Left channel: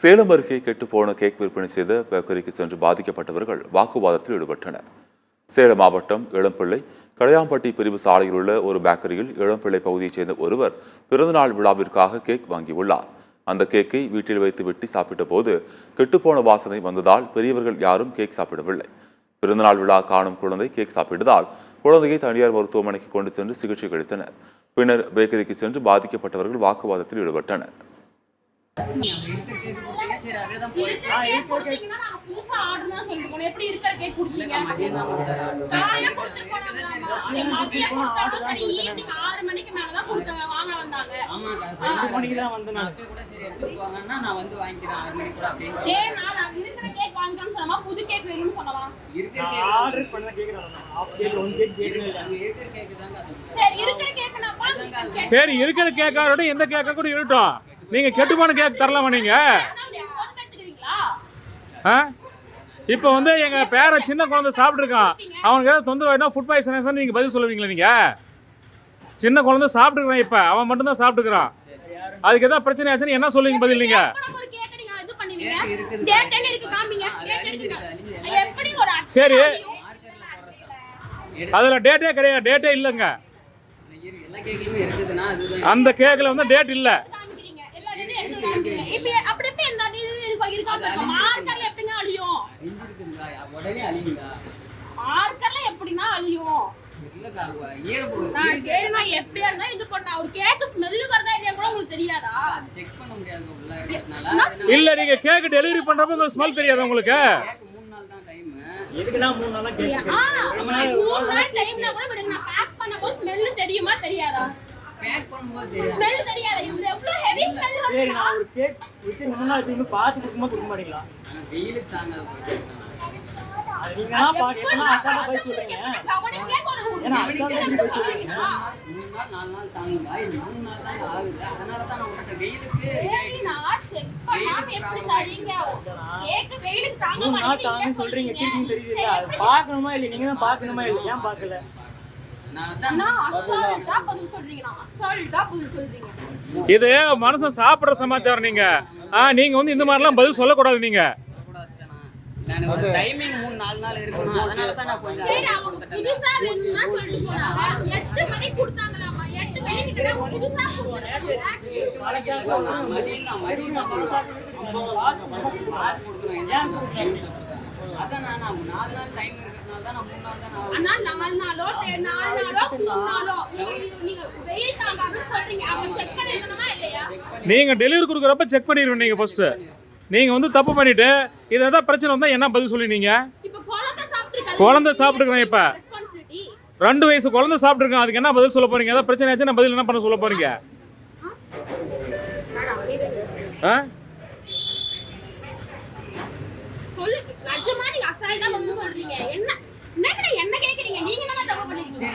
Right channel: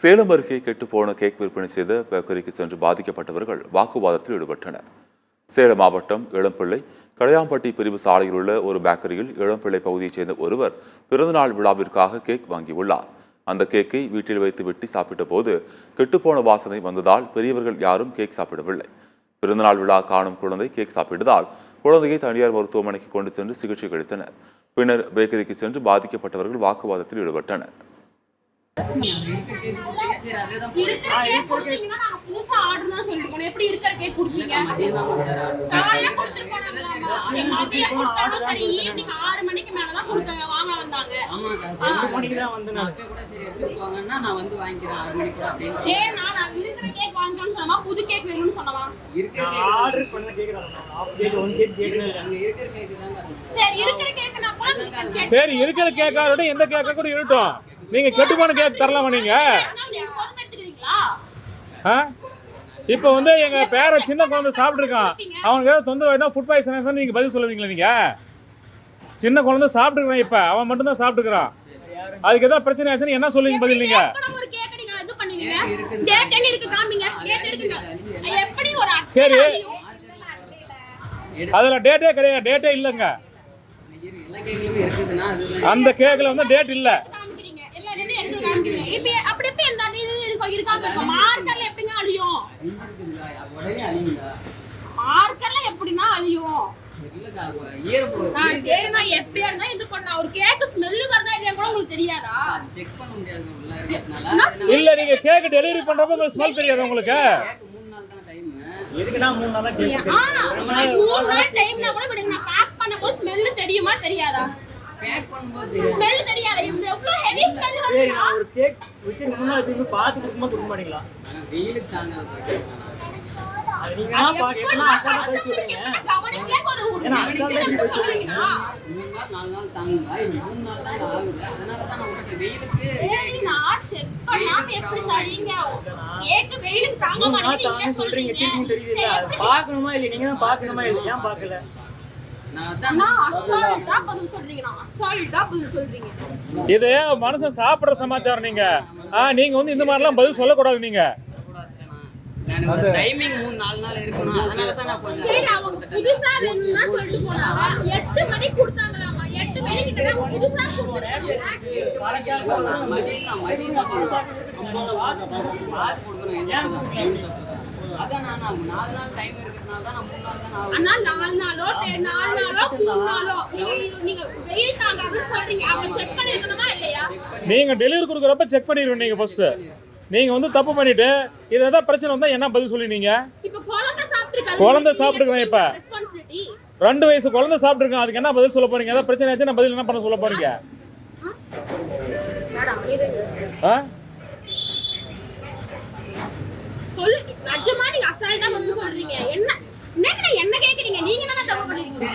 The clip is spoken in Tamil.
சேலம் அருகே கெட்டுப்போன கேக் விற்பனை செய்த பேக்கரிக்கு சென்று பாதிக்கப்பட்டவர்கள் வாக்குவாதத்தில் ஈடுபட்டனர். சேலம் மாவட்டம் இளம்பிள்ளை கடையாம்பட்டி பிரிவு சாலையில் உள்ள ஒரு பேக்கரியில் இளம்பிள்ளை பகுதியைச் சேர்ந்த ஒருவர் பிறந்தநாள் விழாவிற்காக கேக் வாங்கியுள்ளார். அந்த கேக்கை வீட்டில் வைத்து வெட்டி சாப்பிட்ட போது கெட்டுப்போன வாசனை வந்ததால் பெரியவர்கள் யாரும் கேக் சாப்பிடவில்லை. பிறந்தநாள் விழா காணும் குழந்தை கேக் சாப்பிட்டதால் குழந்தையை தனியார் மருத்துவமனைக்கு கொண்டு சென்று சிகிச்சை அளித்தனர். பின்னர் பேக்கரிக்கு சென்று பாதிக்கப்பட்டவர்கள் வாக்குவாதத்தில் ஈடுபட்டனர். சரி, இருக்கிற கேக்கோட எந்த கேக்க கூட இருக்கட்டும். நீங்க கெட்டுப்போன கேக் தரலாமா? நீங்க இப்போ வந்து எங்க பேர சின்ன குழந்தை சாப்பிட்டுருக்கான், அவனுக்கு ஏதாவது தொந்தரவு ஃபுட் பாய்சன் நீங்க பதில் சொல்லுவீங்களா? நீங்க சின்ன குழந்தை சாப்பிட்டுருக்கான், இப்ப அவன் மட்டும் தான் சாப்பிட்டுக்கிறான், அதுக்கு ஏதாவது பிரச்சனை ஆச்சுன்னு என்ன சொல்லுவீங்க பதில்? நீங்க சரி, அதுல டேட்டே கிடையாது, டேட்டே இல்லைங்க. அந்த கேக்ல வந்து டேட் இல்ல. இல்ல, நீங்க கேக் டெலிவரி பண்றப்ப ஸ்மெல் தெரியாது உங்களுக்கு? எதுக்குனா 3 நாளா டைம்னா கூட விடுங்க, நான் பேக் பண்ணும்போது ஸ்மெல் தெரியுமா தெரியாதா? பேக் பண்ணும்போது ஸ்மெல் தெரியாதா? இவ்ளோ ஹெவி ஸ்மெல் வருது. சரி, நான் ஒரு கேக் வச்சு முன்னால வச்சு பாத்து கொடுக்க மாட்டீங்களா? انا வெயிலுக்கு தாங்காது. அது நீங்க நான் பாக்கேனா அசால்ட்டா போய் சொல்றீங்க. அவனே கேக் ஒரு ஏன்னா அசால்ட்டா போய் சொல்றீங்க. 3 நாள் 4 நாள் தாங்குங்க, இது 3 நாள் தான் ஆகுது. அதனால தான் நான் உங்ககிட்ட வெயிலுக்கு சரி நான் செக் பண்ணாம எப்படி தரீங்க? கேக் வெயிலுக்கு தாங்க மாட்டீங்க சொல்றீங்க. சீக்கிரம் தெரியுதுல, அது பார்க்கணுமா இல்ல? நீங்க தான் பார்க்கணுமா இல்ல? ஏன் பார்க்கல? நான் அசால்ட்டா பதில் சொல்றீங்க. இது மனச சாப்பிடுற சமாச்சாரம். நீங்க வந்து இந்த மாதிரிலாம் பதில் சொல்லக்கூடாது. நீங்க நான் ஒரு டைமிங் 3-4 நாள் இருக்கணும், அதனால தான் நான் கொஞ்சம் சரி அவங்க புதுசா வேணும்னா சொல்லிட்டு போறாங்க. 8 மணிக்கு கொடுத்தாங்களாமா, 8 மணிக்கு கிட்ட புதுசா கொடுத்தாங்க. அதான் நான் 4 நாள் டைம் இருக்குறதுனால தான் நான் 3 நாள் தான் ஆகும். அண்ணா 4 நாளோ 3 நாளோ நீங்க வெயில் தாங்காதுன்னு சொல்றீங்க. அவங்க செக் பண்ணிரணுமா இல்லையா? நீங்க டெலிவரி கொடுக்கறப்ப செக் பண்ணிடுவீங்க. நீங்க ஃபர்ஸ்ட் நீங்க வந்து தப்பு பண்ணிட்டு இது ஏதாவது பிரச்சனை வந்தா என்ன பதில் சொல்லுவீங்க? இப்ப குழந்தை சாப்பிட்டுருக்காங்க. இப்ப 2 வயசு குழந்தை சாப்பிட்டுருக்கான், அதுக்கு என்ன பதில் சொல்ல போறீங்க? ஏதாவது பிரச்சனை ஆச்சுன்னா பதில் என்ன பண்ண சொல்ல போறீங்க? சொல்லு, நிஜமா நீங்க அசால்ட்டா வந்து சொல்றீங்க. என்ன கேக்குறீங்க? நீங்க தான தப்பு பண்ணிருக்கீங்க.